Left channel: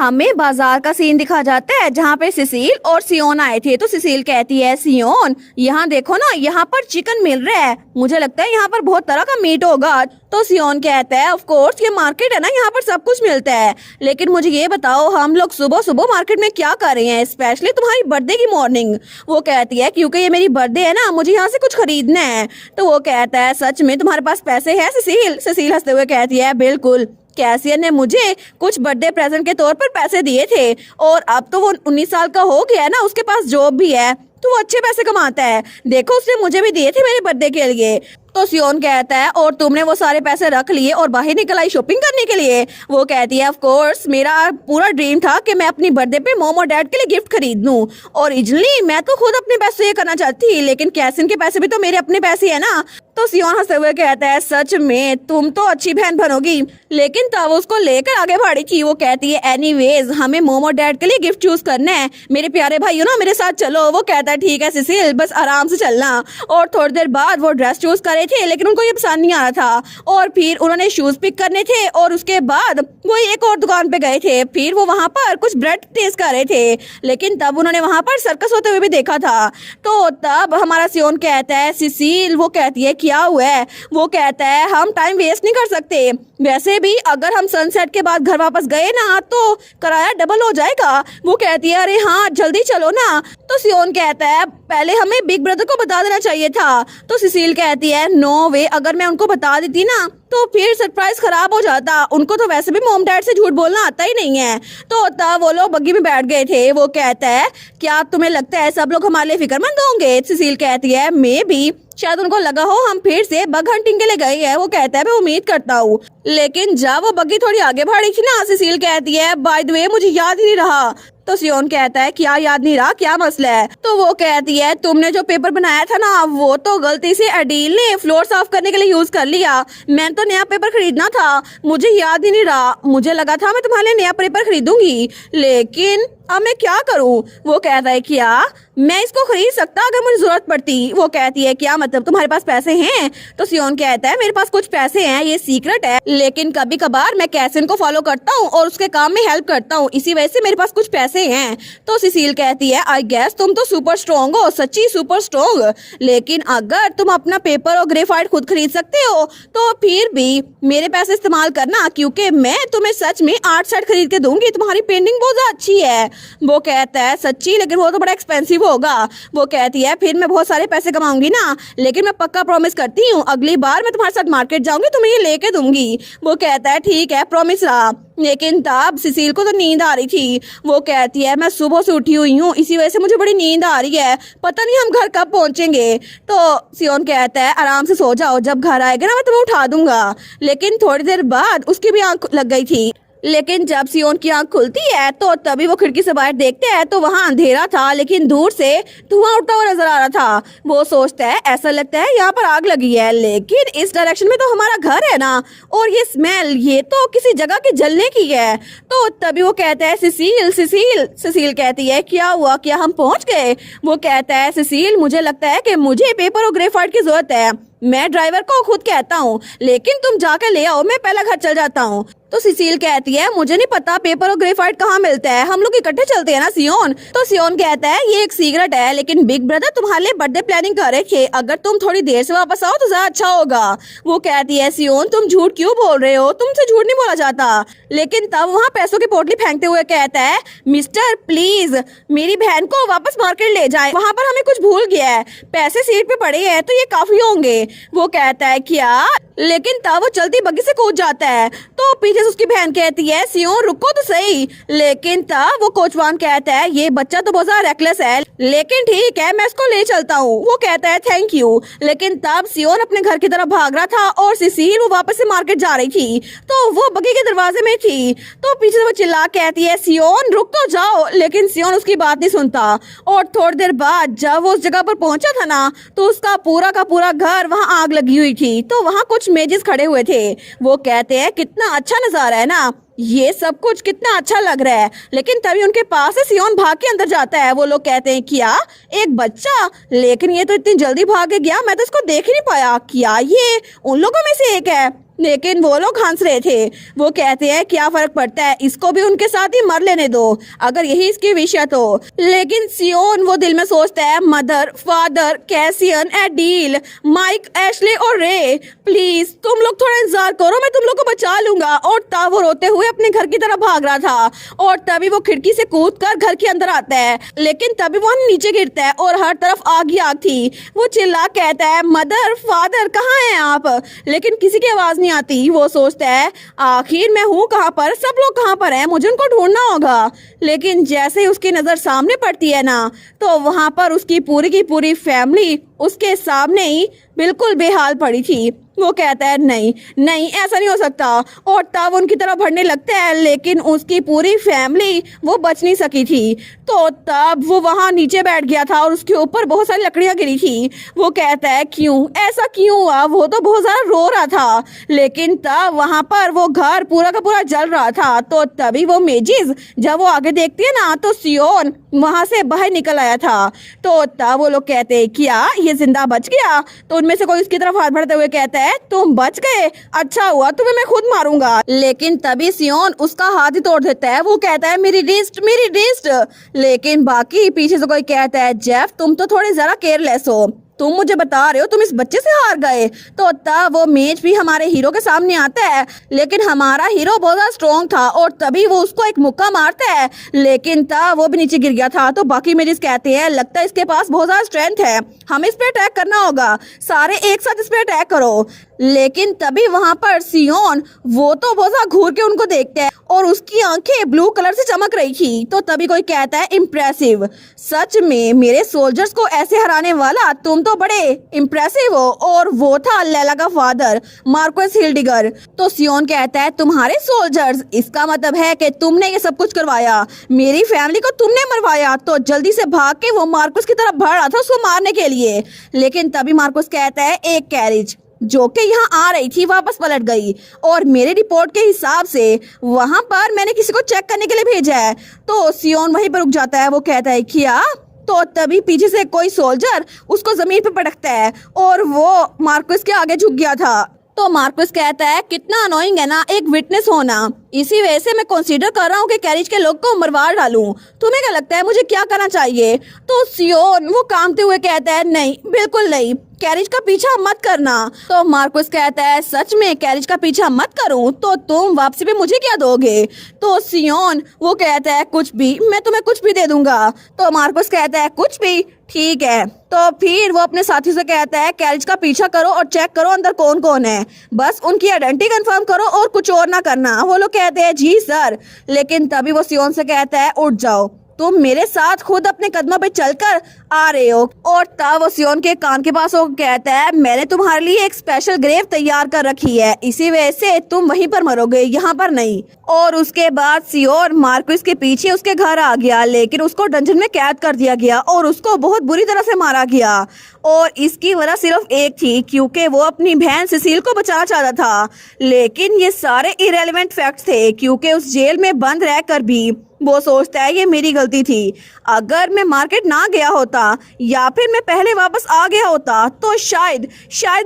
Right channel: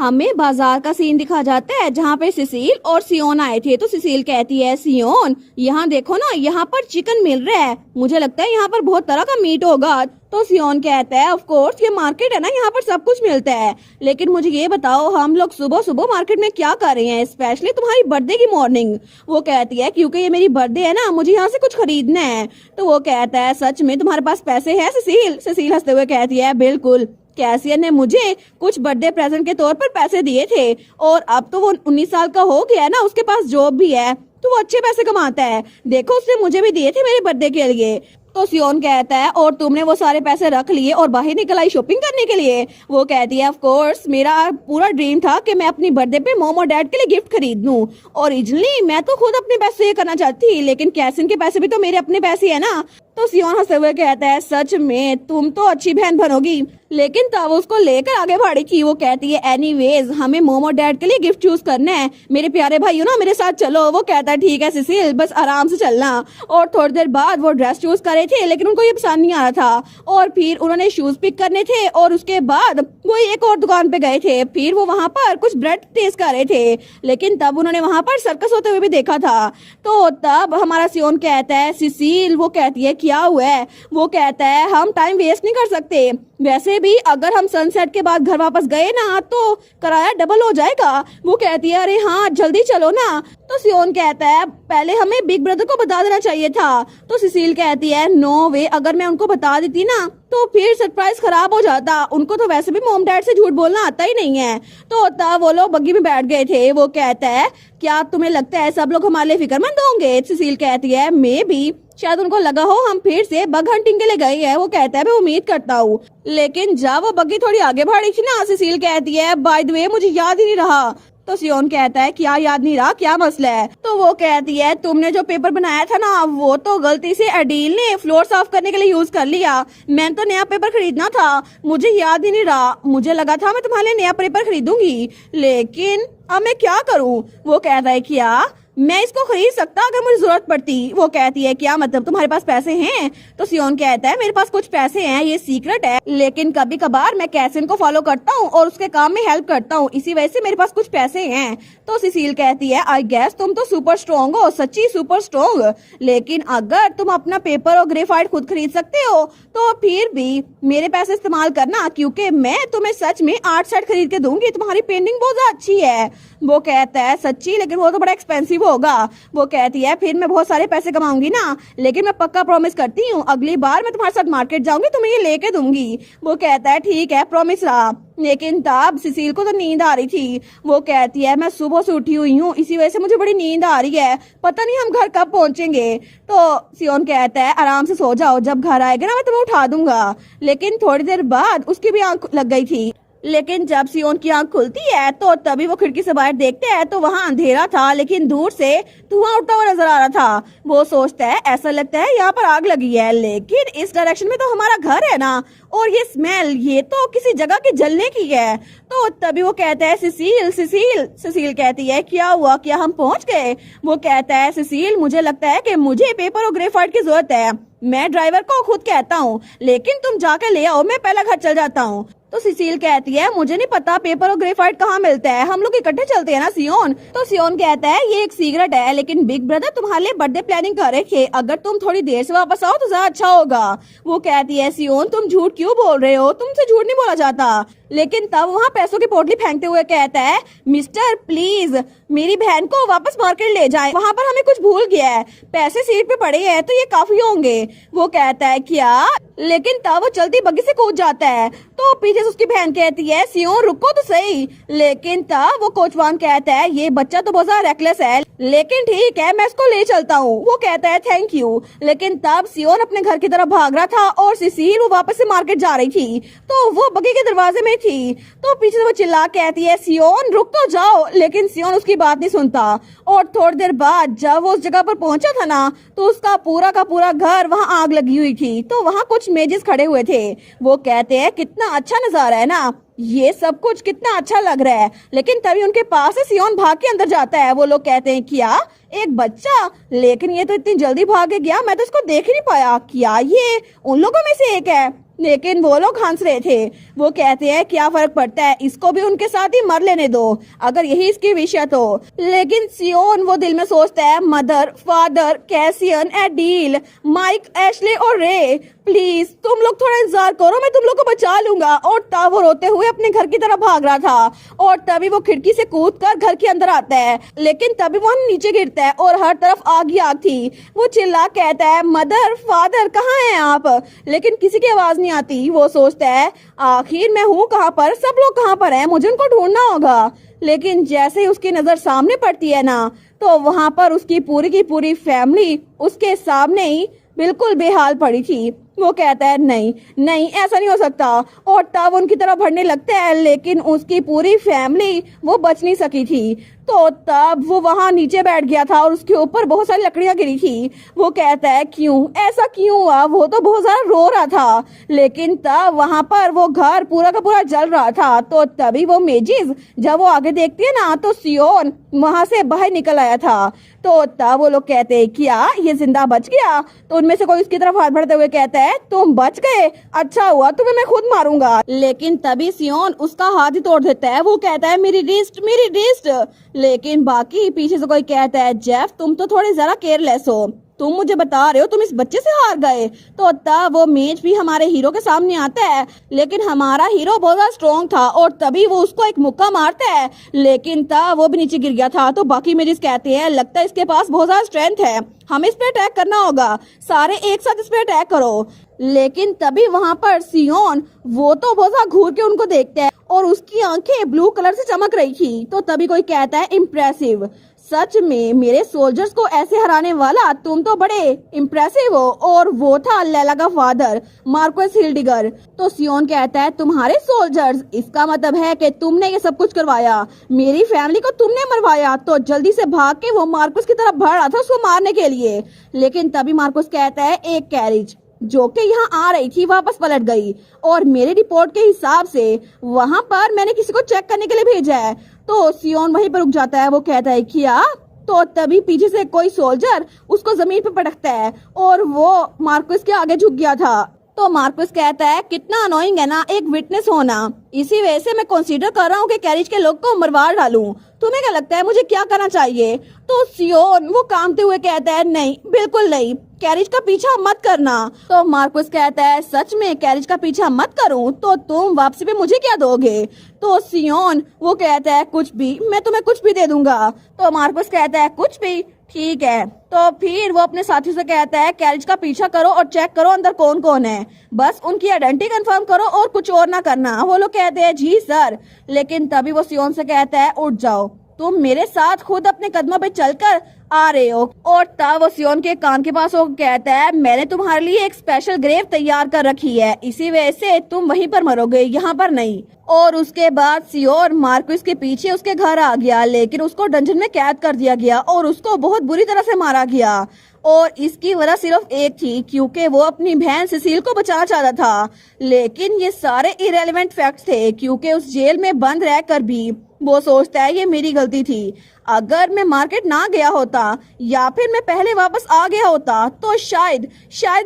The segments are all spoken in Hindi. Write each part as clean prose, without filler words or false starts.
हमें बाजार का सीन दिखा जाता है जहाँ पे सिसिल और सियोन आए थे। तो सिसिल कहती है, सियोन यहाँ देखो ना, यहाँ पर चिकन मिल रहा है, मुझे लगता है यहाँ पर बहुत तरह का मीट होगा। तो सियोन कहता है, ऑफ कोर्स ये मार्केट है ना, यहाँ पर सब कुछ मिलता है, लेकिन मुझे ये बताओ हम लोग सुबह सुबह मार्केट में क्या कर रहे हैं, स्पेशली तुम्हारी बर्थडे की मॉर्निंग। वो कहती है, क्योंकि ये मेरी बर्थडे है ना, मुझे यहाँ से कुछ खरीदना है। तो वो कहता है, सच में तुम्हारे पास पैसे हैं सिसिल? सिसिल हंसते हुए कहती है, बिल्कुल, कैसियन ने मुझे कुछ बर्थडे प्रेजेंट के तौर पर पैसे दिए थे और अब तो वो 19 साल का हो गया है ना, उसके पास जॉब भी है, तो वो अच्छे पैसे कमाता है। देखो उसने मुझे भी दिए थे मेरे बर्थडे के लिए। तो सियोन कहता है, और तुमने वो सारे पैसे रख लिए और बाहर निकल आई शॉपिंग करने के लिए? वो कहती है, ऑफ कोर्स मेरा पूरा ड्रीम था कि मैं अपनी बर्थडे पे मॉम और डैड के लिए गिफ्ट खरीद लूं। ओरिजिनली मैं तो खुद अपने पैसे ये करना चाहती थी, लेकिन कैसिन के पैसे भी तो मेरे अपने पैसे है ना। तो सियोन हंसते हुए कहता है, सच में तुम तो अच्छी बहन बनोगी। लेकिन तब उसको लेकर आगे बढ़ी थी। वो कहती है, एनीवेज हमें मॉम और डैड के लिए गिफ्ट चूज करना है, मेरे प्यारे भाइयों ना मेरे साथ चलो। वो कहता है, ठीक है सिसिल, बस आराम से चलना। और थोड़ी देर बाद वो ड्रेस चूज करे थे, लेकिन उनको ये पसंद नहीं आ रहा था। और फिर उन्होंने शूज पिक करने थे और उसके बाद वो एक और दुकान पे गए थे। फिर वो वहां पर कुछ ब्रेड टेस्ट कर रहे थे, लेकिन तब उन्होंने वहां पर सर्कस होते हुए भी देखा था। तो तब हमारा सियोन कहता है, सिसिल, वो कहती है, क्या हुआ है? वो कहता है, हम टाइम वेस्ट नहीं कर सकते, वैसे भी अगर हम सनसेट के बाद घर वापस गए ना तो किराया डबल हो जाएगा। वो कहती है, अरे हाँ जल्दी चलो ना। तो सियोन कहता है, पहले हमें बिग ब्रदर को बता देना चाहिए था। तो सिसिल कहती है, नो वे, अगर मैं उनको बता देती ना तो फिर सरप्राइज खराब हो जाता, उनको तो वैसे भी मॉम डैड से झूठ बोलना आता ही नहीं है। तो तब वो लोग बग्गी में बैठ गए थे। वो कहता है, क्या तुम्हें लगता है सब लोग हमारे लिए फिक्रमंद होंगे? सिसिल कहती है, मे बी, शायद उनको लगा हो हम फिर से बग हंटिंग के लिए गए हैं। वो कहता है, मैं उम्मीद करता हूँ। लेकिन जब वो बग्गी थोड़ी आगे बढ़ी थी ना, सिसिल कहती है, बाय द वे मुझे याद ही नहीं रहा। तो सियोन कहता है, क्या याद नहीं रहा, क्या मसला है? तो वो कहती है, तुमने जो पेपर बनाया था ना वो तो गलती से अडील ने फ्लोर साफ करने के लिए यूज कर लिया, मैंने तो नया पेपर खरीदना था, मुझे याद ही नहीं रहा, मुझे लगा था मैं तुम्हारे लिए नया पेपर खरीदूंगी, लेकिन अब मैं क्या करूं? वो कहता है, क्या मैं इसको खरीद सकता अगर मुझे जरूरत पड़ती? वो कहती है, क्या मतलब तुम्हारे पास पैसे हैं? तो सियोन कहता है, मेरे पास कुछ पैसे हैं, ये सीक्रेट है, लेकिन कभी कभार मैं कैसिन को फॉलो करता हूँ और उसके काम में हेल्प करता हूँ, इसी वजह से मेरे पास कुछ पैसे हैं। तो सिसिल कहती है, आई गेस तुम तो सुपर स्ट्रॉन्ग हो, सच्ची सुपर स्ट्रॉन्ग, लेकिन अगर तुम अपना पेपर और ग्रेफाइट खुद खरीद सकते हो तो फिर भी मेरे पैसे इस्तेमाल करना, क्योंकि मैं तुम्हें सच में आर्ट सेट खरीद के दूंगी, तुम्हारी पेंटिंग बहुत अच्छी है। वो कहता है, सच्ची? लेकिन वो तो बड़ा एक्सपेंसिव होगा। वो कहती है, फिर मैं बहुत सारे पैसे कमाऊंगी ना, लेकिन मैं पक्का प्रॉमिस करती हूँ अगली बार मैं तुम्हारे साथ मार्केट जाऊंगी तो मैं ये लेके दूंगी। वो कहता है, ठीक है, प्रॉमिस रहा। लेकिन तब सिसिल को तो नींद आ रही थी। वो कहती है, मैं सुबह से उठी हुई हूँ, इसी वजह से मुझे बड़ी नींद आ रही है, पता नहीं हम घर कब पहुंचेंगे। तो सियोन कहता है, आराम से सो जाओ, जब घर आएगा ना मैं तुम्हें उठा दूंगा। लेकिन थोड़ी देर बाद उसकी भी आंख लग गई थी। लेकिन जब सियोन की आंख खुलती है तो तभी वो खिड़की से बाहर देखते हैं तो वहां अंधेरा था, लेकिन दूर से धुआं उठता हुआ नजर आ रहा था। वो सोचता है, ऐसा लगता है यहाँ पर आग लगी है, लेकिन इस डायरेक्शन में तो हमारा घर है ना, और ये स्मेल, ये तो किसी जगह की जलने की है। तो तभी वो कहता है, सिसिल सिसिल। सिसिल कहती है, क्या हुआ, क्या हम पहुंच गए? वो कहता है, सिसिल मुझे लगता है कि मुझे पेपर और ग्रेफाइट की जरूरत है, मैं ड्राइवर को खुद कहता हूँ, लेकिन तुम जाके ले आओ, मैं पहला घर चल जाता हूँ। तो सिसिल कहती है, मुझे नहीं पता पेपर और ग्रेफाइट कहाँ मिलता है, हम लोग इकट्ठे चलते हैं ना सियोन। तो सियोन कहता है, ये एक सीक्रेट है, लेकिन बिग ब्रदर तुम्हारे लिए बर्थडे प्लानिंग कर रहे थे, अगर तुम थोड़ी देर से वापस आओ तो ज्यादा अच्छा होगा। वो कहती है, सियोन तुम झूठ क्यों बोल रहे हो, तुमसे झूठ नहीं बोला जाता। लेकिन तब वहाँ पैसों की पोटली फेंकते हुए कहता है, मिस्टर प्लीज मेरी बहन को वापस मार्केट ले जाए, वहाँ पर हमें कुछ भूल गया है, पैसे सीट पे पड़े हैं तो ये काफी होंगे। वो कहता है, क्या? लेकिन तब वो चलती बग्गी से कूद जाता है। तो पीछे से उसकी बहन कहती है, सियोन रुको तो सही। लेकिन तब वो कोचवान कहता है, ये बच्चा तो बहुत ज्यादा रेकलेस है, लेकिन ठीक है मैं इसको ले चलता हूँ। वो कहता है, थैंक यू। लेकिन तब सियोन अपने घर की तरफ भाग रहा था और सिसिल वो वापस से मार्केट जा रही थी, तो वो बग्गी के दरवाजे में थी। तो पीछे से वो चिल्ला कहती है, सियोन रुक तो जाओ। लेकिन सियोन उसकी बात नहीं सुनता। और थोड़ी देर बाद जब वो उस जगह पर पहुंचा था ना तो उसका पूरा का पूरा घर वहाँ आग लगी हुई थी। तो वहाँ कुछ मेजेस खड़े हुए थे। वो कहते हैं, कितना अच्छा नजारा है ना, ये सब कुछ कितना अच्छा लग रहा है। लेकिन तभी उनके पास से सियोन भाग के अंदर जाता है। वो लोग कहते हैं, क्या एक बच्चा? लेकिन ये तो इतनी जल्दी भाग गया, मैं तो इसको देख ही नहीं पाया, क्या ये उन लोगों में से एक है? लेकिन वो लोग हंस रहे थे। वो कहते हैं क्या फर्क पड़ता है, इसको भी उनके साथ ही मर लेने दो अगर यही इसकी विश है तो। लेकिन सियोन वो दिल में सोचता है mother, father, Cassian, Adele, Mike, Ashley और रे, प्लीज तुम लोग थोड़ा इंतजार करो, मैं तुम लोग को बचा लूंगा। और तब वो रोते हुए अपने घर की तरफ भाग रहा था और तभी वो खिड़की से कूदकर घर के अंदर आता है। लेकिन तभी वो नीचे गिरता है और हर तरफ आग ही आग थी। वो चिल्ला कहता है मदर, फादर कहाँ हैं आप? लेकिन किसी की आवाज नहीं आती। वो सोचता है आखिर मैं हूँ कहाँ पर, सब लोग कहाँ पर हैं, मुझे उनको ढूंढना होगा। लेकिन जैसे ही उसकी नजर सामने पड़ती है ना, तो वहां पर उसकी पूरी की पूरी फैमिली उसके सामने ही बिल्कुल बेहाल पड़ी थी। वो कहता है नहीं नहीं ऐसा नहीं हो सकता और तब उनकी तरफ बढ़ने लगता है, लेकिन उसकी पूरी फैमिली वो बच नहीं सकी थी। तो तब वो वहां नीचे बैठ गया था और उसके ऊपर बहुत सारी लकड़ियां गिरी थी। वो कहता है क्यों, ऐसा क्यों हुआ? वो तो बहुत ज्यादा रो रहा था। लेकिन तब वहां पर वो घर पूरा का पूरा जल रहा था। तो तभी वो मेजिस जब वो आगे देखती है ना, तो सियोन वहां से बाहर निकल आया था। तो तब वो लोग कहते हैं क्या ये जिंदा बच गया? तो उनमें से कोई उसकी तरफ हाथ बढ़ाते हुए कहता है तुम बच गए, अच्छा हुआ, तुम्हें मैं खुद मारूंगा। लेकिन तभी सियोन उसका हाथ ही तोड़ देता है। वो कहता है मेरी रिस्ट, मेरी रिस्ट। लेकिन बाकी पीछे से कोई कहता है जेफ तुम तो थोड़े जरा केयरलेस हो, तुम मुझे बता रहे हो तुम इस बच्चे से हार गए। तो तब वो मेज भी हमारे हीरो के सामने आता है, लेकिन हमारा हीरो बहुत ज्यादा स्ट्रॉन्ग था और तभी वो उसको एक मुक्का मारता है। लेकिन तब वो भी नीचे गिर गया था। तो बाकी मेजिस कहते हैं लगता है इसके पास बहुत ज्यादा स्ट्रेंथ है, हमें इस पे अटैक करना होगा, सारे एक साथ इस पे अटैक करो। लेकिन तभी वहां पर सियोन वो तो बहुत ज्यादा घूर के उनको देखते हैं और उसकी आंखें ब्लू कलर से चमक रही थी। तो तभी कोई कहता है इम्प्रेसिव, सच में मेरे सोल्जर्स को ऐसे हराने वाला तुम तो बड़े इम्प्रेसिव हो। और वो था लैला का फादर मार्कोस हिल्डिगर। तो सियोन कहता है तुम्हारे सोल्जर्स, इसका मतलब है कि तुमने ये सब कुछ करवाया, मेरी फैमिली को तुमने मरवाया। तो जल्दी से भाग के वो मार्कोस की तरफ बढ़ रहा था उसको मारने के लिए। लेकिन तभी मार्कोस कहता है एक कैरेज जो कि यहाँ आ रही थी वापस पलट गई और मेरे रिपोर्ट के हिसाब से वहां पर मैंने किसी को चेक करने के लिए भेजा है। तो सियोन वहीं पर रुक जाता है। वो कहता है क्या? तो तभी पीछे से कोई सोल्जर उसको जमीन पर पटकता है और वो मार्कोस के आगे झुक गया था। तो मार्कोस कहता है कितना अनोइंग है ना एक विटनेस होना, इसी वजह से मैं कंसीडर कर रहा हूँ कि कैरिज के लोग को मरवा डालूं। तुम्हें क्या लगता है मुझे क्या करना चाहिए? तो सियोन वो कांपते हुए कहता है नहीं बिल्कुल नहीं, कैरिज का पीछा मत करना। तो मार्कोस कहता है सच में कैरिज का पीछा मत करूं तो तुम वापसी पे मुझे क्या दोगे? तो सियोन वो कहता है कुछ भी, मैं तुम्हें कुछ भी दे दूंगा। तो मार्कोस कहता है कुछ भी, ठीक है। तो फिर वो अपने साथियों से कहता है कैरिज का पीछा करो और चेक करो अंदर कौन कौन है, बस उनकी आइडेंटिटी कंफर्म करो और कुछ और ना करना। वो लोग कहते हैं जी सर। लेकिन तभी वो सियोन से कहता है उठ जाओ, तुम मेरे साथ खुद अपने कदमों पे चलकर आ रहे हो। और तब वो सियोन के कान के पास वो कहता है मैंने तुम्हारे लिए एक स्पेशल ग्रेव तैयार कर रखी है, इसी वजह से तुम वहीं पर मरोगे, यहाँ पर नहीं। और उसके बाद सियोन मार्कोस के पीछे उसके घर आ गया, लेकिन उसको डंजन में कैद कर दिया गया और उसको बहुत बुरी तरह से मारा गया। और इसकी वजह सिर्फ एक थी, क्योंकि वो अपनी बहन सिसिल को बचाना चाहता था। लेकिन ये सारे इरेलीवेंट फैक्ट्स थे, क्योंकि उस जेल में बंद रहकर भी वो सोचता है ये मेरी गलती थी। अगर मैं मार्केट ना गया होता या फिर मैं पहले वापस आ गया होता तो शायद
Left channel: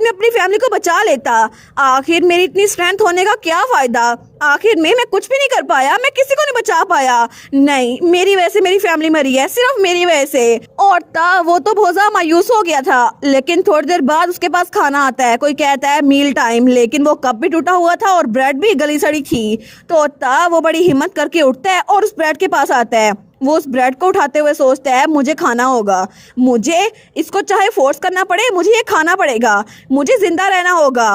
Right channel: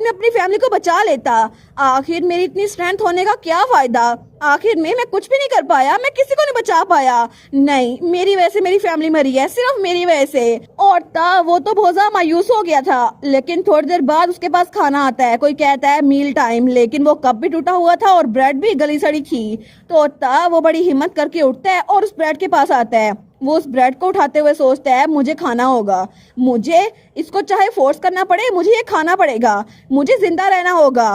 मैं अपनी फैमिली को बचा लेता। आखिर मेरी इतनी स्ट्रेंथ होने का क्या फायदा? आखिर मैं कुछ भी नहीं कर पाया, मैं किसी को नहीं बचा पाया। नहीं, मेरी वजह से मेरी फैमिली मरी है, सिर्फ मेरी वजह से। और तब वो तो बहुत ज्यादा मायूस हो गया था। लेकिन थोड़ी देर बाद उसके पास खाना आता है, कोई कहता है मील टाइम, लेकिन वो कप भी टूटा हुआ था और ब्रेड भी गली सड़ी थी। तो तब वो बड़ी हिम्मत करके उठता है और उस ब्रेड के पास आता है। वो उस ब्रेड को उठाते हुए सोचता है मुझे खाना होगा, मुझे इसको चाहे फोर्स करना पड़े, मुझे ये खाना पड़ेगा, मुझे जिंदा रहना होगा।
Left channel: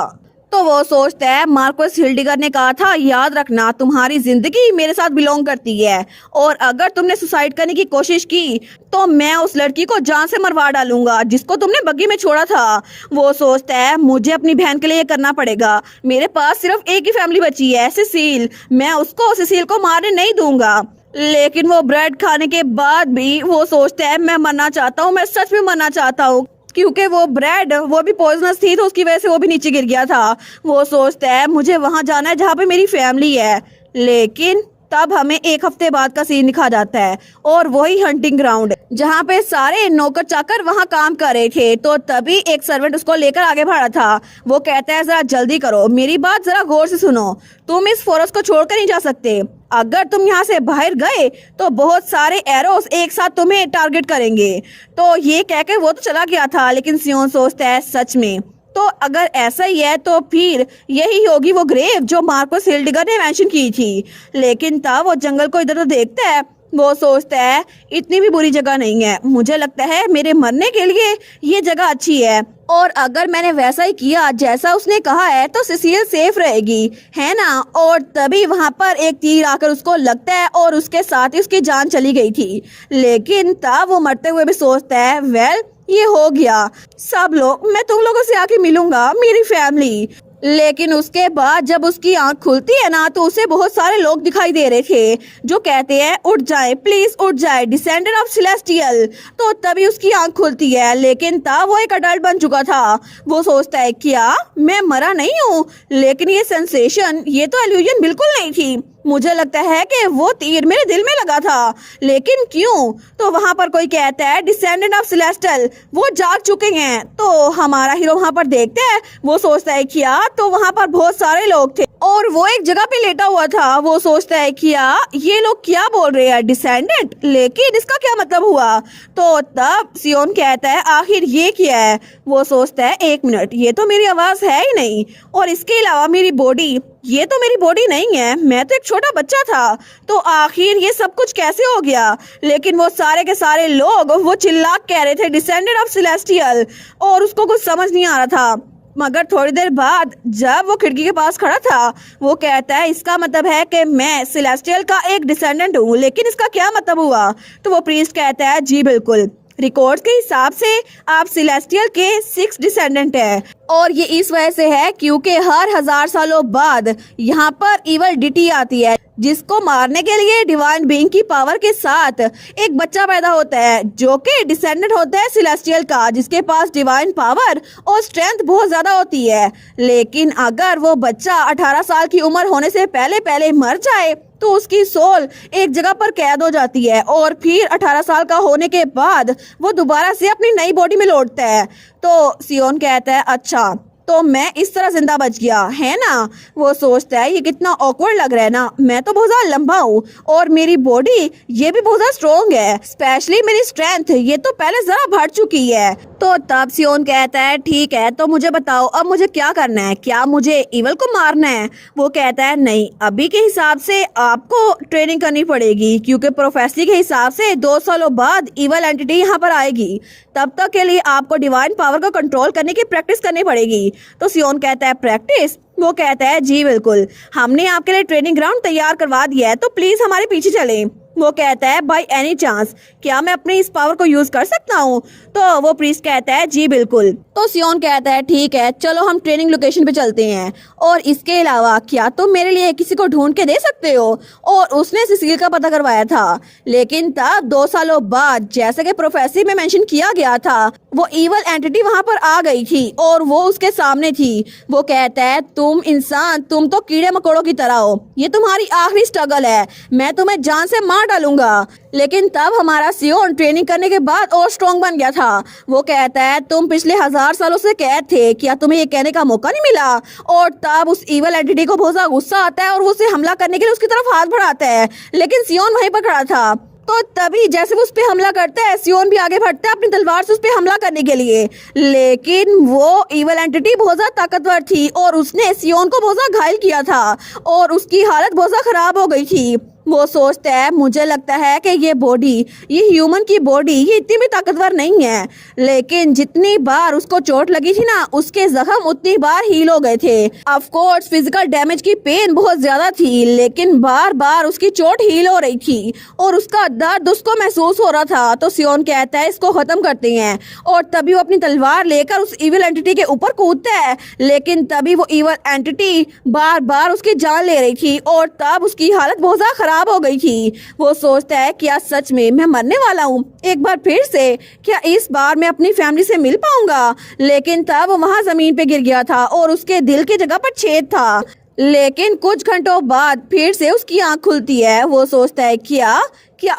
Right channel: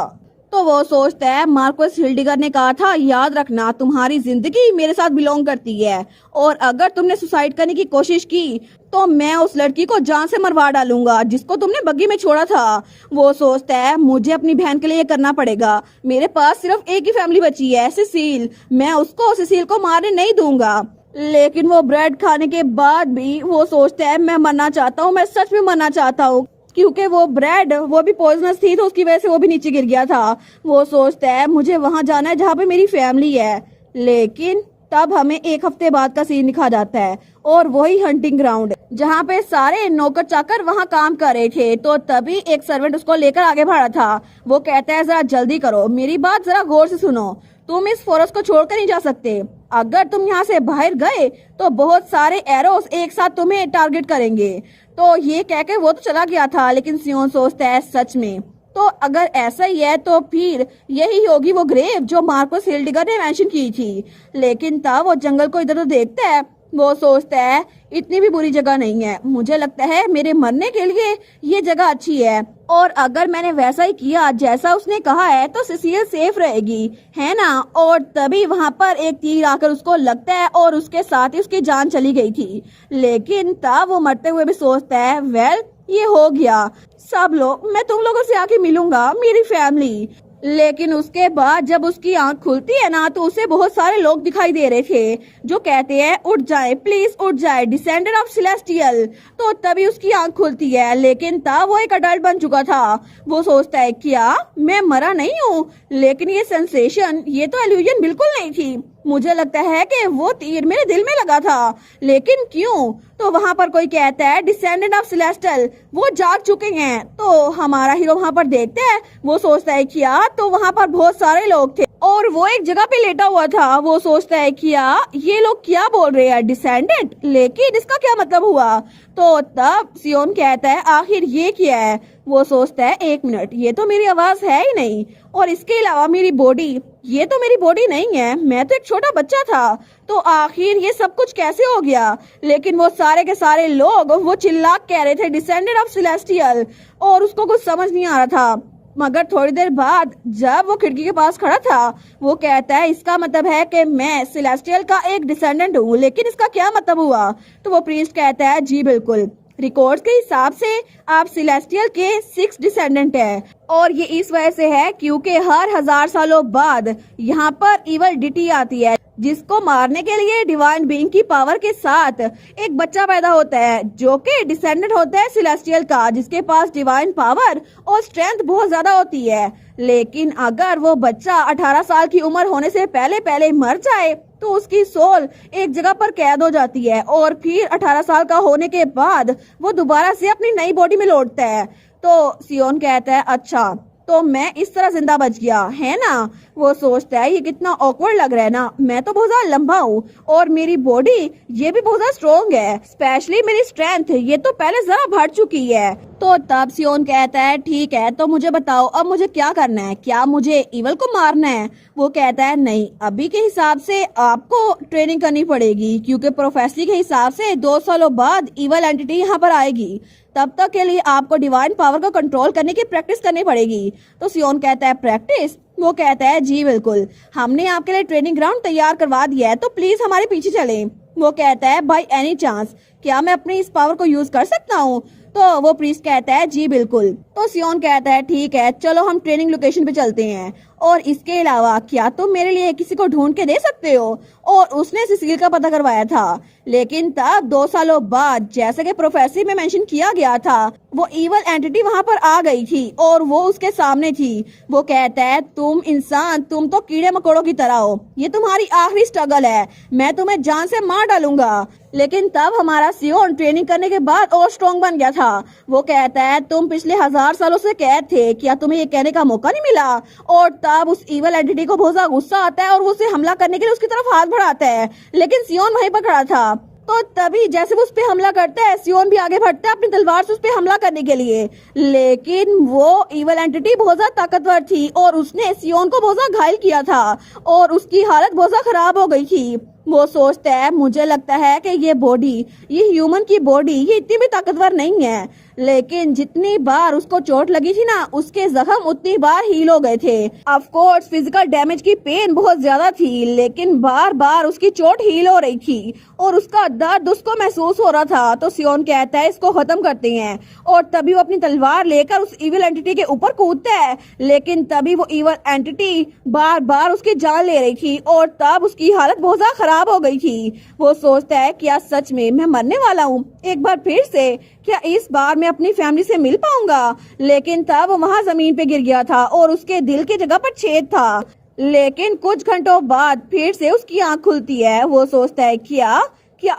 तो वो सोचता है मार्कोस हिल्डिगर ने कहा था याद रखना तुम्हारी जिंदगी मेरे साथ बिलोंग करती है और अगर तुमने सुसाइड करने की कोशिश की तो मैं उस लड़की को जान से मरवा डालूंगा जिसको तुमने बग्गी में छोड़ा था। वो सोचता है मुझे अपनी बहन के लिए करना पड़ेगा, मेरे पास सिर्फ एक ही फैमिली बची है, सिसिल, मैं उसको सिसिल को मारने नहीं दूंगा। लेकिन वो ब्रेड खाने के बाद भी वो सोचता है मैं मरना चाहता हूँ, मैं सच में मरना चाहता हूँ, क्योंकि वो ब्रेड वो भी पॉइजनस थी तो उसकी वजह से वो भी नीचे गिर गया था। वो सोचता है मुझे वहां जाना है जहाँ पे मेरी फैमिली है। लेकिन तब हमें एक हफ्ते बाद का सीन दिखा जाता है और वही हंटिंग ग्राउंड जहाँ पे सारे नौकर चाकर वहाँ काम कर रहे थे। तो तभी एक सर्वेंट उसको लेकर आगे बढ़ा था। वो कहता है जरा जल्दी करो, मेरी बात जरा गौर से सुनो, तुम इस फॉरेस्ट को छोड़कर नहीं जा सकते। अगर तुम यहाँ से बाहर गए तो बहुत सारे एरोस एक साथ तुम्हें टारगेट करेंगे। तो ये कहकर वो तो चला गया था, लेकिन सियोन सोचता है सच में तो अगर ऐसा ही है तो फिर यही होगी वो ग्रेव जो मार्कोस हिल्डिगर ने मेंशन की थी। लेकिन तब वो जंगल को इधर तो देखता है, वो सोचता है इतनी भी बुरी जगह नहीं है, मुझे लगता है मेरे मरने के लिए ये जगह अच्छी है और अगर मैंने वैसा ही किया जैसा उसने कहा है तो सिसिल सेफ रहेगी, है ना। और तभी वहाँ पर एक तीर आकर उसको लगता है और उसके साथ ही उसकी जान चली गई थी। लेकिन तब वो मरते हुए भी सोचता है वेल ये हो गया, सब लोग, मैं तुम लोगों से आके मिलूंगा, मेरी फैमिली। लेकिन उसके बाद जब उसकी आंख खुलती है ना तो उसे बहुत सारे लोग दिखाई दे रहे थे जो कहते हैं उठ जाए प्लीज उठ जाए, डिसेंडेंट ऑफ सेलेस्टियल। तो तभी उसकी आंख खुलती है, लेकिन तब वो एक अडल्ट बन चुका था। वो सोचता है क्या मैं मरा नहीं हूँ, लेकिन ये सेंसेशन, ये तो इल्यूजन बिल्कुल नहीं थी। मुझे लगता है कि वो तीर मेरे दिल में लगा था, लेकिन क्यों? तो वहाँ पर कोई कहता है डिसेंडेंट ऑफ सेलेस्टियल, वो जाग चुके हैं। तो हमारा हीरो वहाँ पर देखते हैं, वो सोचता है क्या, तो वहाँ पर बहुत सारे लोग थे और वो एक जगह पे लेटा हुआ था। वो सोचता है क्या ये लोग क्या बोल रहे हैं डिसेंडेंट, लेकिन इसका क्या मतलब हुआ? तो तब सियोन कहता है आखिर ये क्या है? वो सोचता है एक मिनट, ये तो मेरी आवाज है ही नहीं, और इसके अलावा मेरी बॉडी, ये तो मेरी बॉडी नहीं है, मैं तो एक छोटा बच्चा था। तो आखिर ये सब कुछ कैसे हो गया? लेकिन वो सारे के सारे लोग वो चिल्ला कह रहे थे डिसेंडेंट ऑफ सेलेस्टियल और उसको कुछ समझ नहीं आ रहा था। मगर थोड़ी देर बाद जब वो खिड़की के पास खड़ा था वो कहता है इसका मतलब है कि मैं सेलेस्टियल का एक डिसेंडेंट हूँ, लेकिन इसका क्या मतलब हुआ? तो वो प्रीस्ट कहता है जी बिल्कुल, रिकॉर्ड्स के हिसाब से आप सेलेस्टियल के 6 डिसेंडेंट हैं और ये इस वजह से है क्योंकि हर 1000 सालों बाद यहाँ पर इवल डिटी आती है जिसको मारने के लिए डिवाइन बीइंग की पावर के साथ एक बच्चा पैदा होता है जो कि डिसेंडेंट होता है सेलेस्टियल का, जिसके पास डिवाइन पावर और स्ट्रेंथ बहुत ज्यादा होती है। लेकिन अगर वो बच्चा 18 साल की उम्र होने से पहले पहले मर जाए तो उसकी सोल एक जगह पर कैद हो जाती है और फिर 18 साल का होने के बाद वो दोबारा से अपनी नई बॉडी में लौटता है। तो सियोन कहता है अच्छा तो मैं इस तरह जिंदा बच गया, है ना। वो सोचता है ये कितना ऑकवर्ड लग रहा है ना, मैं तो बहुत ज्यादा लंबा हूँ और मेरी बॉडी ये भी बहुत ज्यादा स्ट्रॉन्ग है, स्पेशली मेरी स्ट्रेंथ ये तो पहले जरा बढ़ चुकी है। तो तब सियोन कहता है ठीक है तो मुझे बताओ अब मुझे क्या करना है, क्या मुझे इवल को मारना है? वो कहता है नहीं, अभी के हिसाब से आपको ट्रेनिंग करनी पड़ेगी क्योंकि प्रोफेसी के हिसाब से 2 सालों बाद इवल एंटिटी यहाँ पर आएगी, तब तक के लिए आपको डिवाइन पावर को कंट्रोल करने की प्रैक्टिस करनी पड़ेगी। तो सियोन कहता है प्रैक्टिस? वो कहता है जी बिल्कुल, हमने आपके लिए ट्रेनिंग ग्राउंड तैयार करवा दिया है तो प्लीज हमारे पीछे चलें। वो कहता है बाय एनी चांस क्या मैं अपने इस पावर को यूज कर सकता हूँ? तो वो प्रीस्ट कहता है जी बिल्कुल। तो सियोन कहता है ठीक है चलो हम ट्रेनिंग लोकेशन पे चलते हैं, और इसके अलावा क्या तुम मेरे लिए किसी को ढूंढ के दे सकते हो? और उसने सिसिल का पता करवाया था, लेकिन तब 2 सालों बाद जैसे कि प्रोफेसी में मेंशन किया गया था वो इवल एंटिटी वहाँ पर आ गई थी और वो उसके सामने थी। वो कहता है तुम इंसान, तुम तो कीड़े मकोड़ों की तरह हो, ये तुम्हारी आखिरी स्ट्रगल है, मैं तुम्हें जान से मार डालूंगा। लेकिन तब हमारा सियोन ट्रेनिंग करने के बाद और स्ट्रॉन्ग बन गया था। वो कहता है तुम पिछले 1000 सालों से कैद थे, क्या तुम्हें ये कहने का मौका नहीं मिला? और तब उस इवल एंटिटी को बहुत ज्यादा गुस्सा आता है और वो उसे हमला करने के लिए उसकी तरफ हाथ बढ़ाता है, लेकिन सियोन वहीं पर खड़ा था। तो तभी जैसे वो उस पे हमला करता है सियोन भी आगे बढ़ता है अपनी तलवार से उस पे हमला करने के लिए, लेकिन वो इवल एंटिटी बहुत ज्यादा ताकतवर थी और उसने सियोन को बहुत ज्यादा घायल किया था और उसकी हालत बहुत ज्यादा खराब हो गई थी। वो सोचता है मुझे लगता है कि ये बॉडी, ये ह्यूमन की बॉडी ये इतनी भी ताकतवर नहीं है, लेकिन जितनी बार उसको चोट लगी थी ना उसके जख्म उतनी बार हील हो गए थे। ऑफ कोर्स फिजिकल डैमेज की पेन बहुत ज्यादा थी, लेकिन बार बार उसकी चोट हील हो रही थी और उसका दर्द उसको महसूस हो रहा था। तो सियोन कहता है इसको खत्म करते हैं, और तभी वो अपनी तलवार लेकर उस इविल एंटिटी के ऊपर कूदता है, लेकिन तभी वो इविल एंटिटी बार बार उसकी जान ले रही थी और तब उसकी हालत बहुत ज्यादा खराब हो गई थी। वो सोचता है क्या सच में मैं मरने वाला हूँ एक बार फिर से, क्या इस बार मैं अपनी फैमिली से मिल पाऊंगा? लेकिन तब वहाँ जमीन पे गिर गया था और उसके दिल की जगह पर छेद था। लेकिन कुछ घंटों बाद फिर से उसकी आंख खुलती है। वो सोचता है क्या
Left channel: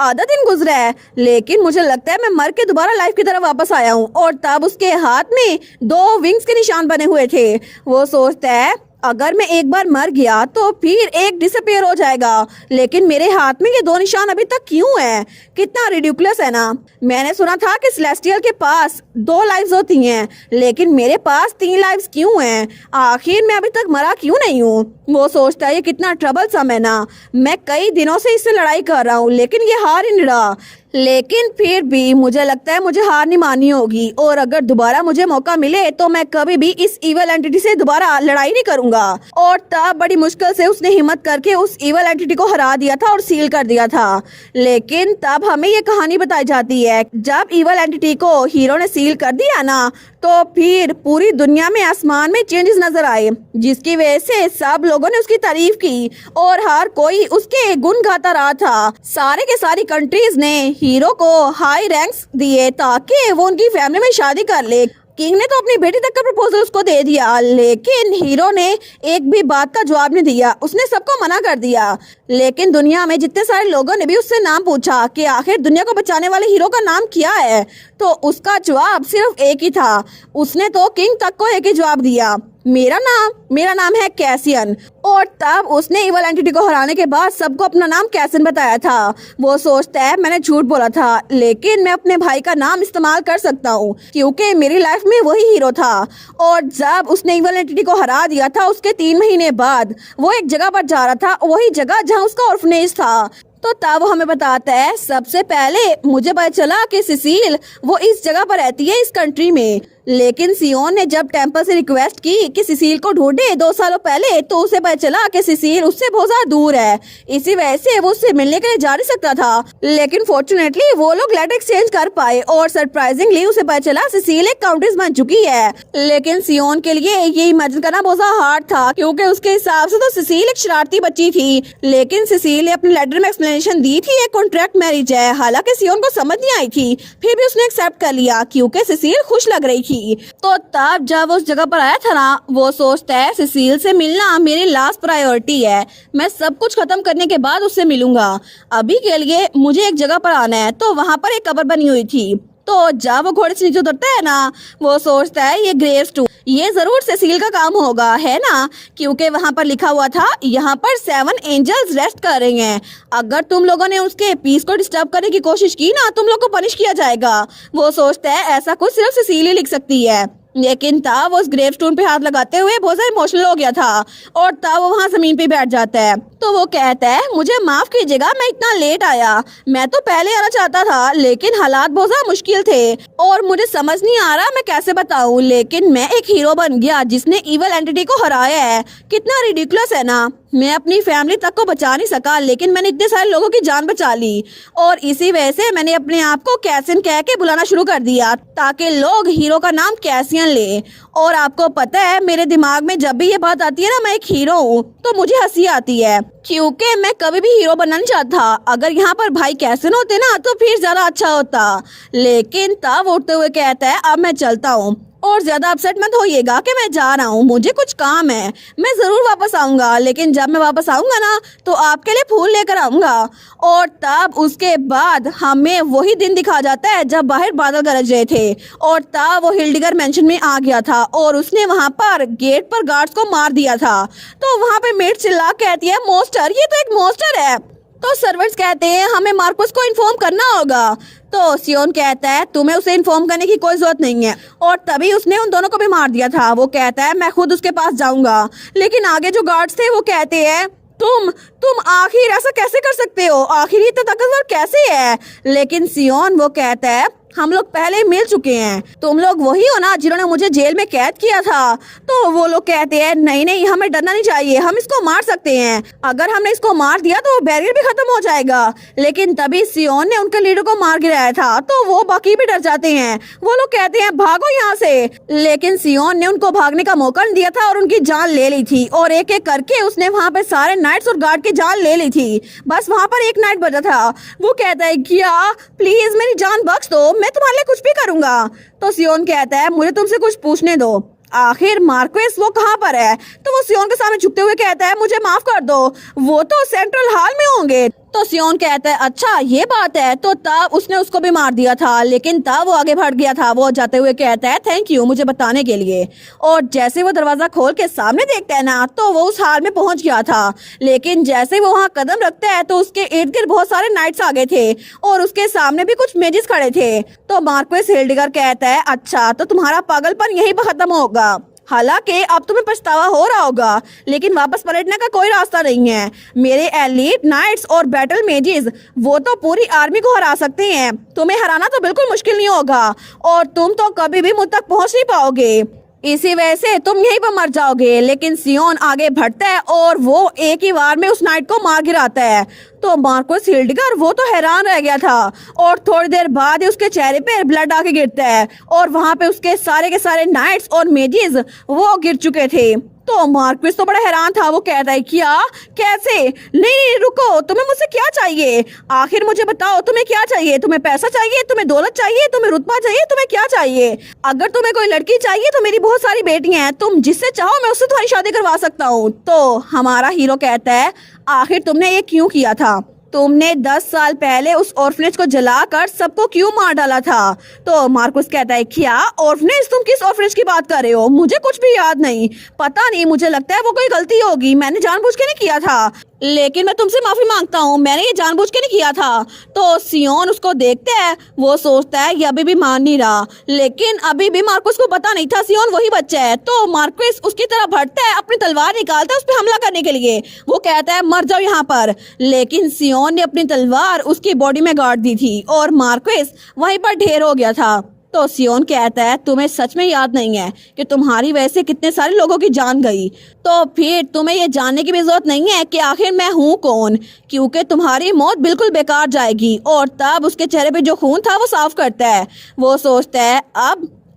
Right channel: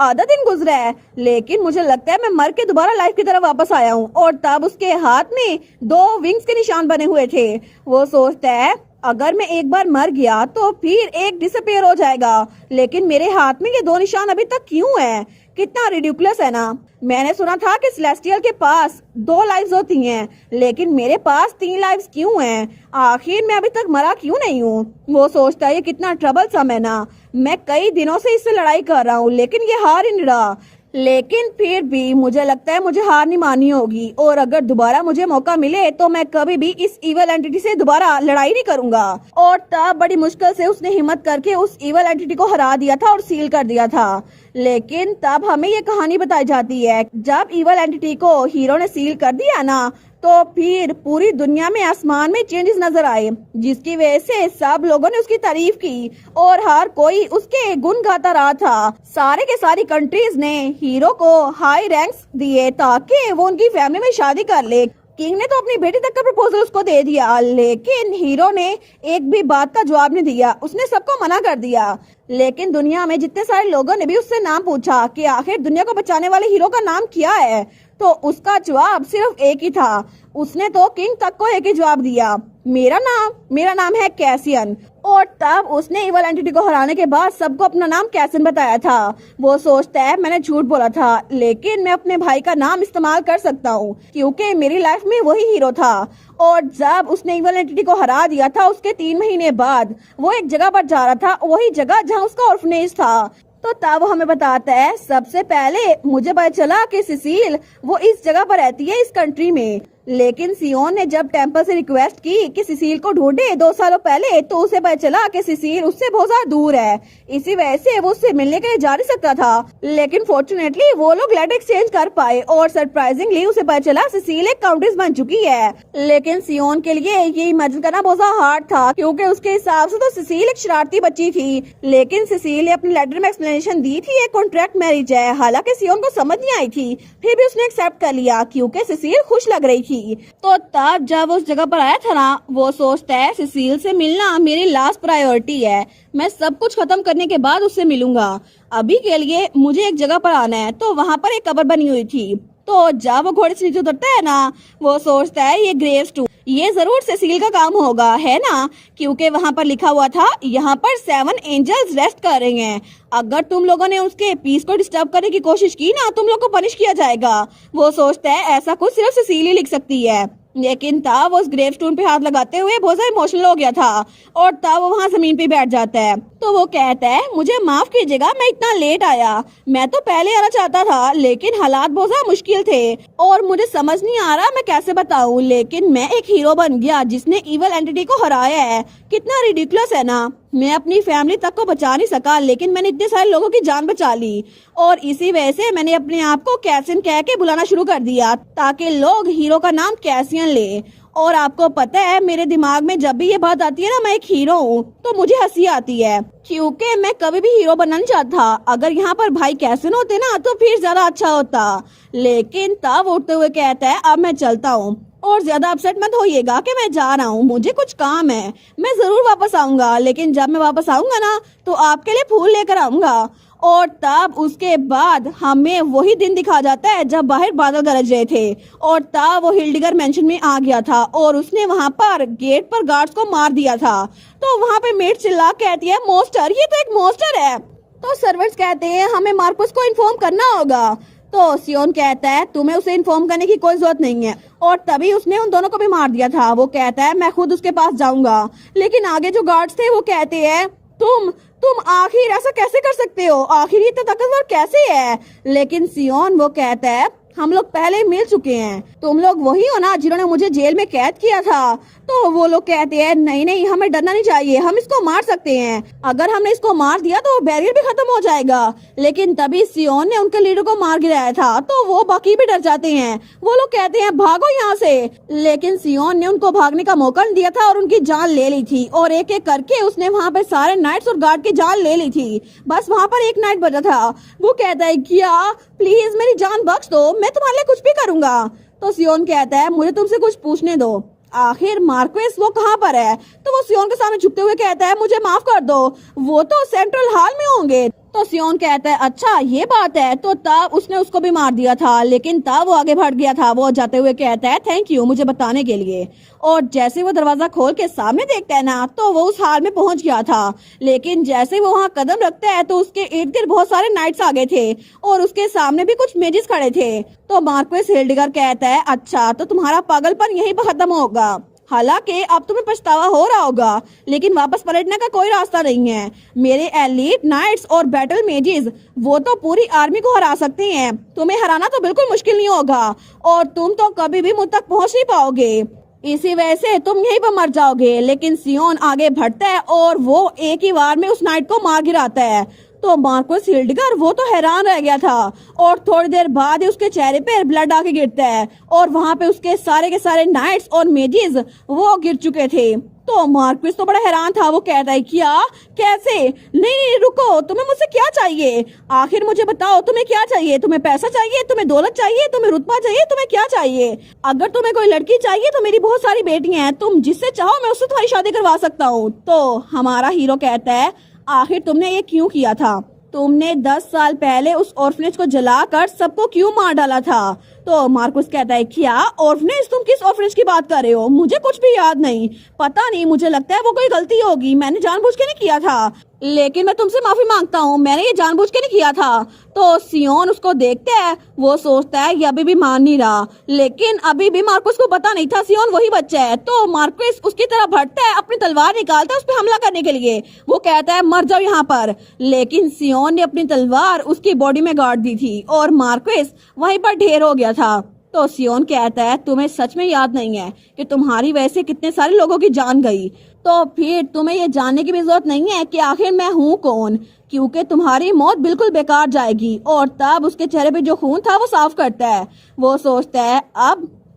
आधा दिन गुजरा है, लेकिन मुझे लगता है मैं मर के दोबारा लाइफ की तरफ वापस आया हूँ। और तब उसके हाथ में 2 विंग्स के निशान बने हुए थे। वो सोचता है अगर मैं एक बार मर गया तो फिर एक डिसअपियर हो जाएगा, लेकिन मेरे हाथ में ये 2 निशान अभी तक क्यों है? कितना रिडिकुलस है ना। मैंने सुना था कि सेलेस्टियल के पास 2 लाइव्स होती हैं, लेकिन मेरे पास 3 लाइव्स क्यों हैं? आखिर मैं अभी तक मरा क्यों नहीं हूँ? वो सोचता है ये कितना ट्रबलसम है ना। मैं कई दिनों से इससे लड़ाई कर रहा हूँ, लेकिन ये हार ही नहीं रहा। लेकिन फिर भी मुझे लगता है मुझे हार नहीं माननी होगी, और अगर दोबारा मुझे मौका मिले तो मैं कभी भी इस इवल एंटिटी से दोबारा लड़ाई नहीं करूंगा। और तब बड़ी मुश्किल से उसने हिम्मत करके उस इवल एंटिटी को हरा दिया था और सील कर दिया था। लेकिन तब हमें ये कहानी बताई जाती है, जब इवल एंटिटी को हीरो ने सील कर दिया ना, तो फिर पूरी दुनिया में आसमान में चेंजेस नजर आए, जिसकी वजह से सब लोगों ने उसकी तारीफ की और हर कोई उसके गुण गाता रहा था। सारे के सारी कंट्रीज ने हीरो को हाई रैंक्स दिए ताकि वो उनकी फैमिली में शादी कर ले। किंग ने तो अपनी बेटी तक का प्रपोजल उसको दे दिया, लेकिन हीरो ने एक भी बात का जवाब नहीं दिया। उसने सबको मना कर दिया। लेकिन दुनिया में जितने सारे लोगों ने भी उससे नाम पूछा कि आखिर दुनिया को बचाने वाले हीरो का नाम क्या है, तो उसका जवाब सिर्फ एक ही था। उसने तो किंग तक को एक ही जवाब दिया, मेरा नाम है कैसियन। और तब उसने इवल एंटिटी को हराने के बाद सबको अपना नाम कैसियन बताया था। वो सोचता है मैंने झूठ बोला था, लेकिन मैं अपने भाई का नाम इस्तेमाल कर सकता हूँ क्योंकि मेरी लाइफ में वही हीरो था। और जब उसने इवल एंटिटी को हरा दिया था, उसके 3 महीने बाद वो एक जगह पर जा रहा था, वही जगह जहाँ उसका ऑर्फनेज था। तो तब वो हमें बताता है सबसे पहले मुझे पता चला कि सिसिल वो इस जगह पर रहती है, इस कंट्री में। लेकिन सियोन ने जब टेम्पल से रिक्वेस्ट की कि सिसिल को ढूंढे 2 सालों पहले, तो उसे पता चला कि सिसिल उससे बहुत ज्यादा दूर है। इसी वजह से वो उससे मिलने के लिए जा नहीं सकता था। लेकिन फॉर्चुनेटली वो लोग लेटर एक्सचेंज कर पाए और सरप्राइजिंगली उसे पता चला सिसिल एक काउंटेस बन चुकी है। लेकिन सियोन के लिए ये इमेजिन करना बहुत ज्यादा हार्ड था, क्योंकि उसके हिसाब से तो सिसिल एक शरारती बच्ची थी। लेकिन सिसिल ने अपने लेटर में एक्सप्लेनेशन दी थी ये कॉन्ट्रैक्ट मैरिज है। हालांकि सियोन को समझ नहीं आई थी, फिर भी उसने एक्सेप्ट कर लिया क्योंकि सिसिल खुश लग रही थी। तो तब जब वो उस जगह पर आया था ना, वो सोचता है सिसिल से मिलना मेरी लास्ट प्रायोरिटी है। मैं सब कुछ खत्म करने के बाद उससे मिलूंगा। अभी के लिए मुझे एक जगह पर आना है। तो वहाँ पर एक कब्र बनी हुई थी। तो जब वो घोड़े से नीचे उतरता है ना, वो सोचता है ये ग्रेवस्टोन, ये जरूर सिसिल का काम होगा, है ना, क्योंकि वहाँ पर लिखा हुआ था यहाँ पर 7 एंजल्स रेस्ट कर रहे हैं। अगर तुम लोगों ने उसके पीस को डिस्टर्ब करने की कोशिश की ना, तुम लोग को पनिश किया जाएगा। वो सोचता है ऐसा कुछ सिर्फ सिसिल ही लिख सकती है। लेकिन तब वो उस ग्रेवस्टोन पे हाथ लगाते हुए बहुत ज्यादा इमोशनल हो गया था, और तब वो वहाँ जमीन पे बैठ जाता है। तो वो कहता है मुझे माफ कीजिएगा, मैं इतना लेट आया। मैं तो पहले आना चाहता था, लेकिन हालात बहुत ज्यादा मुश्किल थे और मुझे समझ नहीं आ रहा मैं कैसे बताऊं। लेकिन मैं एक हीरो बन गया जिसने इवल एंटिटी को हराया है। कितना रिडिकुलस है ना। मैं अपनी फैमिली तक को बचा नहीं सका, लेकिन मैंने इतने सारे लोगों की जान बचा ली। और इसी वजह से मैंने अपने आप को कैसियन कह के बुलाना शुरू कर दिया, ताकि लोग हीरो का नाम कैसियन ले। और आपको पता है मेरे दिमाग में जब भी ये बात आती है ना मैं एक हीरो हूँ, तो मुझे हंसी आती है, क्योंकि मैं कभी भी हीरो बनना नहीं चाहता। अगर यहाँ पर भाई कैसियन होते ना तो फिर ज्यादा अच्छा होता। लेकिन तब उठते हुए कहता है अब मैं चलता हूँ, और ज्यादा अपसेट मत होइएगा कि मैं जा रहा हूँ, मुझे कुछ काम है। मैं जरूर वापस आऊंगा, लेकिन जब मैं वापस आऊंगा ना तो आपके लिए फूल लेकर आऊंगा। और तब उसके बाद हमें वही दिन दिखा जाता है जब बाहर बादल गरज रहे थे, और तब वो हिल्डिगर मेंशन में आ गया था और उसने वहाँ पर गेट पर गार्ड्स को मार दिया था। तो वहाँ पे मेट चिल्ला कहती है मोस्टर, ये तो एक मोस्टर है। तो सर्वेंट्स कहते हैं हमें मार्कस को इन्फॉर्म करना होगा। तो सियोन कहता है तुम्हें उसे इन्फॉर्म करने की कोई जरूरत नहीं है, और तभी उसने उन दोनों को भी मार दिया था। वो कहता है मैं खुद उसके पास जाऊंगा। लेकिन आगे जो गार्ड्स थे वो कहते हैं तुम आखिर ऐसा कैसे कर सकते हो, आखिर ये तो ताकतवर कैसे है। लेकिन सियोन वो कहता है हम लोग पहले मिल चुके हैं, तुम लोग वही हो ना जिन्होंने मुझे जेल में कैद किया था। तो वो लोग कहते हैं नहीं हमें डरना नहीं चाहिए, हम इसको मार सकते हैं। अगर हमने इसको मार दिया तो बैरियर भी खत्म हो जाएगा। लेकिन तभी सियोन ने उनके लीडर को मार गिराया था, तो वो बाकी भी डर जाते हैं। वो लोग कहते हैं भागो यहाँ से। लेकिन सियोन ने उनको भागने का मौका नहीं दिया था और उनकी जान ले ली थी, और एक एक करके उसने वहाँ पे सारे नाइट्स और गार्ड की जान ले ली थी। बस वहाँ पर एक नाइट बचा था। वो कहता है क्या प्लीज मेरी जान बख्श दो, मैं तुम्हारे लिए कुछ भी करूंगा। तो सियोन कहता है मुझे तुमसे कुछ पूछने दो। आखिर मार्क्वेस वो कहाँ पर है? तो वो सियोन के सामने झुकते हुए कहता है मुझे माफ कर दो, वो तो सेंट्रल हॉल में होंगे। तो सियोन कहता है अच्छा ये बात है, तो तब उसने उसको भी मार दिया था, लेकिन तब वो आगे बढ़ गया था। वो जाते हुए कहता है थैंक यू मुझे बताने के लिए। और जैसे वो दरवाजा खोल के सामने देखता है ना, तो वो उस हाल में पहुंच गया था, लेकिन जैसे वो वहाँ कदम रखता है तो उसके इर्द गिर्द बहुत सारे नाइट्स आ गए थे और उसके सामने भी कुछ मेजिस खड़े थे। तो मार्क्वेस हिल्डिगर कहता है अच्छा तो तुम्हारा पागलपन यहीं पर खत्म होगा। हालांकि अब तुम्हें पछतावा हो रहा होगा, लेकिन वापस पलटने का कोई रास्ता नहीं है। मेरे एलीट नाइट्स और बैटल मेजिस वो तो पूरी आर्मी को हरा सकते हैं, तुम्हें हराना तो बिल्कुल मुश्किल नहीं होगा और तुम तो कभी भी मुझ तक पहुंच नहीं पाओगे। इसी वजह से तुम यहीं पर मर जाओगे। लेकिन सियोन आगे बढ़ता है और वो एक ही वार में उस नाइट को मार गिराता है। तो मार्क्वेस हिल्डिगर वो तो हैरान रह गया था और थोड़ी देर बाद ही उसके चेहरे पे ब्लड आके गिरता है और वहाँ पे उसके सारे के सारे नाइट्स और मेजिस वो गिर चुके थे। तो मार्क्वेस तो बड़ा हैरान था। वो कहता है क्या, कैसे? नहीं रुको, तुम्हें मुझसे क्या चाहिए? आखिर मुझे बताओ तुम्हें क्या चाहिए? तुम्हें पैसा चाहिए, तुम्हें दौलत चाहिए, तुम्हें रुतबा चाहिए, तुम्हें क्या चाहिए? अगर तुम्हें कोई लड़की चाहिए तो मेरी बहुत सारी बेटियां हैं, तुम जिससे चाहो मैं उससे तुम्हारी शादी करवा सकता हूँ। तो हमारा हीरो कहता है आखिर तुमने ये क्यों किया था? तुमने 10 साल पहले उस ऑर्फनेज को जलाकर सबको क्यों मार डाला था? तो मार्कुस कहता है क्या ऑर्फनेज? तुम किस ऑर्फनेज की बात कर रहे हो? मुझे कुछ भी याद नहीं, पता नहीं, मुझे लगता है वो कोई गलती होगी, मैंने जानबूझ के नहीं किया था, लेकिन मैं तुमसे माफी मांगता हूँ, मैंने ये जानबूझ के नहीं किया था। तो सियोन उसको देखता है, वो सोचता है ये अभी भी मान नहीं रहा, लेकिन अभी भी मार्कुस को पता नहीं था सियोन वही बच्चा है। तो मार्कुस उसकी तरफ बढ़ता है, अपनी तलवार निकालता है उस पर हमला करने के लिए। वो कहता है मर जाओ यहाँ पर, लेकिन सियोन ने अपनी तलवार उसकी बॉडी में गाड़ दी थी और मार्कुस वहीं पर ढेर हो गया था। तो सियोन कहता है तुम्हें सच में याद नहीं है कि तुम्हारी वजह से कितने सारे लोगों की जान गई? तो फिर तुम्हें ये जानने की भी जरूरत नहीं है कि आखिर मैं हूँ कौन, क्योंकि तुम्हारी मौत बिल्कुल बेकार जाएगी। और तब उसके चेहरे पे जो खून था वो साफ करता है। वो सोचता है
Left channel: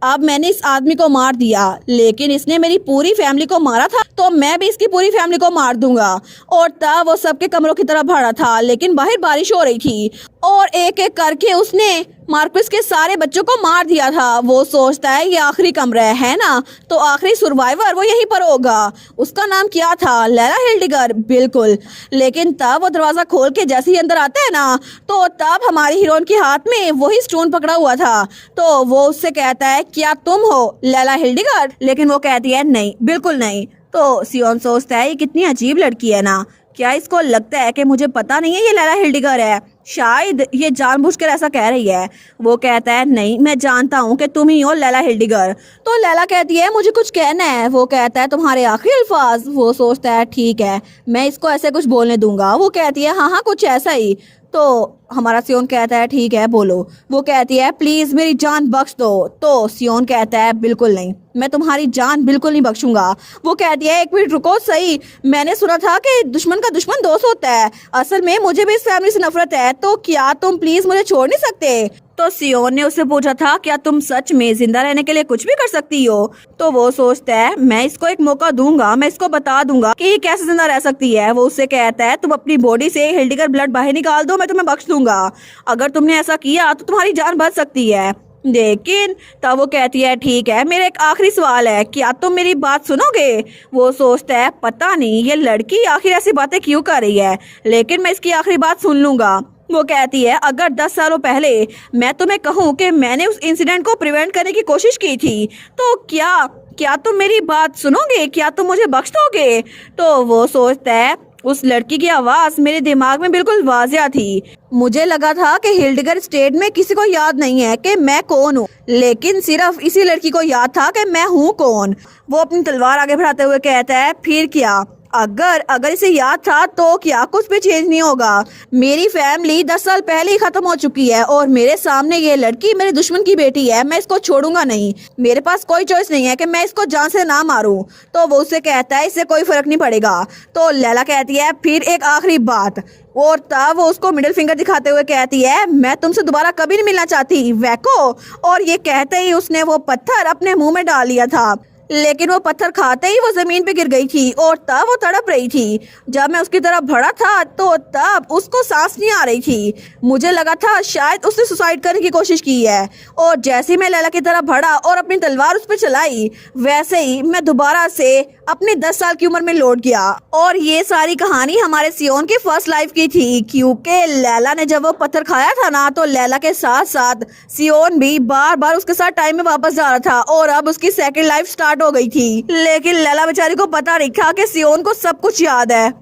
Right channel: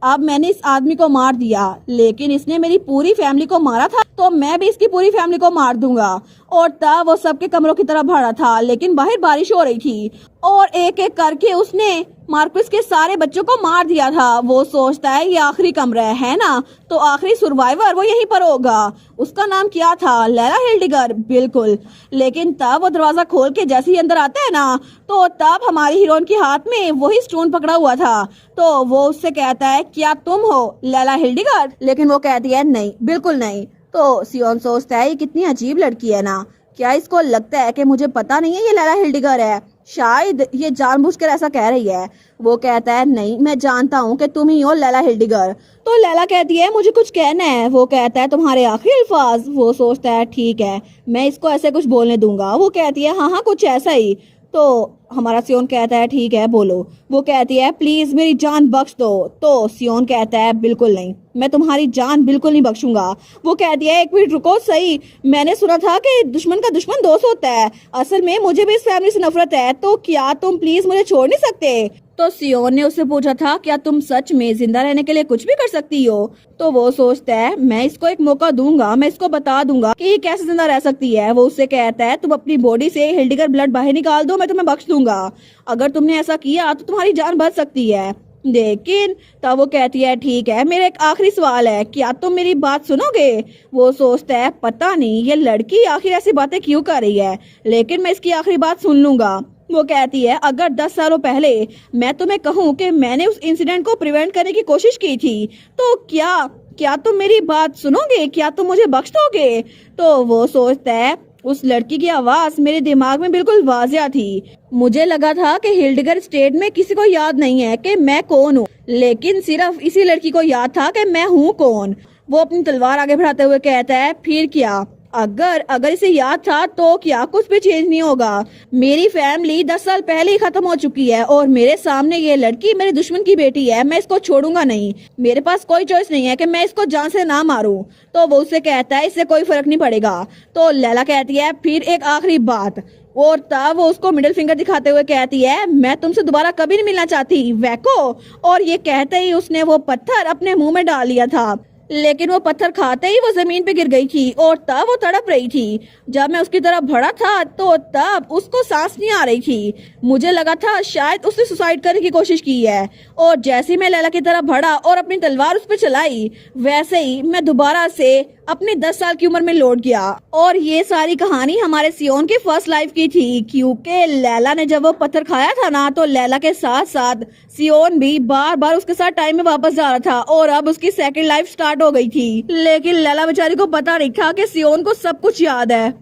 अब मैंने इस आदमी को मार दिया, लेकिन इसने मेरी पूरी फैमिली को मारा था, तो मैं भी इसकी पूरी फैमिली को मार दूंगा। और तब वो सबके कमरों की तरफ बढ़ा था, लेकिन बाहर बारिश हो रही थी और एक एक करके उसने मार्कुस के सारे बच्चों को मार दिया था। वो सोचता है ये आखिरी कमरा है ना, तो आखिरी सर्वाइवर वो यहीं पर होगा। उसका नाम क्या था? लैला हिल्डिगर, बिल्कुल। लेकिन तब वो दरवाजा खोल के जैसे ही अंदर आता है ना, तो तब हमारी हीरोइन के हाथ में वही स्टोन पकड़ा हुआ था। तो वो उससे कहता है क्या तुम हो लैला हिल्डिगर? लेकिन वो कहती है नहीं, बिल्कुल नहीं। तो सियोन सोचता है ये कितनी अजीब लड़की है ना, क्या इसको लगता है कि मुझे पता नहीं है ये लैला हिल्डिगर है? शायद ये जानबूझकर ऐसा कह रही है। वो कहता है नहीं, मैं जानता हूँ कि तुम ही हो लैला हिल्डिगर। तो लैला कहती है मुझे कुछ कहना है। वो कहता है तुम्हारे आखिरी अल्फाज। वो सोचता है ठीक है, मैं इसको ऐसे कुछ बोलने दूंगा। वो कहती है हाँ कुछ ऐसा ही। तो हमारा सियोन कहता है ठीक है बोलो। वो कहती है प्लीज मेरी जान बख्श दो। तो सियोन कहता है बिल्कुल नहीं, मैं तुम्हारी जान बिल्कुल नहीं बख्शूंगा। वो कहती है एक मिनट रुको, सही मैंने सुना था कि दुश्मन का दुश्मन दोस्त होता है, असल में मुझे भी इस फैमिली से नफरत है, तो क्या तुम प्लीज मुझे छोड़ नहीं सकते? तो सियोन ने उससे पूछा था क्या तुम सच में जिंदा रहने के लिए कुछ भी कर सकती हो? तो वो सोचता है मैं इसको एक मौका दूंगा, मैं इसको बता दूंगा कि ये कैसे जिंदा रह सकती है। वो उससे कहता है तुम अपनी बॉडी से हिल्डिगर ब्लड बाहर निकाल दो, मैं तुम्हें बख्श दूंगा। अगर तुमने ऐसा किया तो तुम्हारी जान बच सकती है। लेकिन तब वो कहती है ठीक है, मेरा एक आखिरी सवाल है, क्या तुम मेरी बात सुनोगे? वो सोचता है पता नहीं ये लड़की आखिर ऐसी बातें क्यों कर रही है, लेकिन मैं इसकी आखिरी बात सुन लूंगा। वो कहती है अगर 10 सालों पहले मैं तुम्हें कहूँ कि मैंने उस इंसिडेंट को प्रिवेंट करने की कोशिश की थी, तो क्या तुम मेरी बात सुनोगे? क्या तुम मुझे बख्श दोगे? तो वो सोचता है उस लड़की की आवाज मेरे दिमाग में बिल्कुल वाजिया थी। मुझे लगा था कि हिल्डिगर स्टेट में किसी को याद नहीं है कि मैं कौन हूँ, लेकिन सिर्फ इसी लड़की को याद था कि मैं हूँ कौन। वो अपनी तलवार आगे बढ़ाते हुए कहता है फिर क्या? अगर इसे याद था तो क्या कुछ भी चेंज नहीं होगा। मेरी फैमिली 10 साल पहले ही खत्म हो चुकी है और मेरे सामने ये लड़की मेरे दुश्मन की बेटी है, मैं इसको छोड़ूंगा नहीं। मेरे पास कोई चॉइस नहीं है कि मैं इसको जान से ना मारूं। तो वो उससे कहता है इससे कोई फर्क नहीं पड़ेगा। तो लैला कहती है फिर एक आखिरी बात, और तब वो उसको मिडिल फिंगर दिखाते हुए कहती है मैं तुमसे दोबारा कभी नहीं मिलना चाहती वैको। और ये कहते ही उसने वो पत्थर अपने मुंह में डाल लिया था। लेकिन वो पत्थर खाते ही वो जमीन पे गिर गई थी और तब वो तड़प रही थी। जब मैं उसकी तरफ बढ़ा था तो तब उसको सांस नहीं आ रही थी। मुझे लगा था शायद उसने सुसाइड करने की कोशिश की है। और जैसे ही मैं लैला की तरफ बढ़ा और अपनी तलवार उस पर चलाई, वैसे ही मैं दोबारा से अपनी 10 साल की उम्र में लौट गया। और ये सारी कहानी हमारे सियोन की फर्स्ट लाइफ की थी, क्योंकि लैला ने जब वो पत्थर खाया था ना, तो लैला के साथ साथ सियोन भी बार बार उसके साथ टाइम में वापस जा रहा था और अब उसकी सेकंड लाइफ स्टार्ट हो गई थी। लेकिन लैला बेचारी को पता नहीं था कि सियोन को सब कुछ याद है।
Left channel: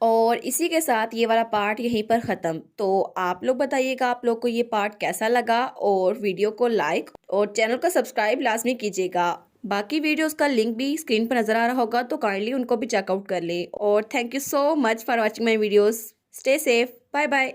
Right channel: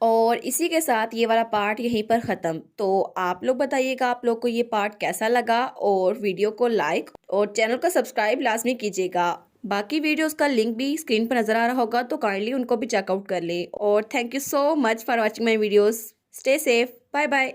और इसी के साथ ये वाला पार्ट यहीं पर ख़त्म। तो आप लोग बताइएगा आप लोग को ये पार्ट कैसा लगा, और वीडियो को लाइक और चैनल को सब्सक्राइब लाजमी कीजिएगा। बाकी वीडियोस का लिंक भी स्क्रीन पर नज़र आ रहा होगा, तो काइंडली उनको भी चेकआउट कर लें। और thank you so much for watching my videos. Stay safe, bye bye.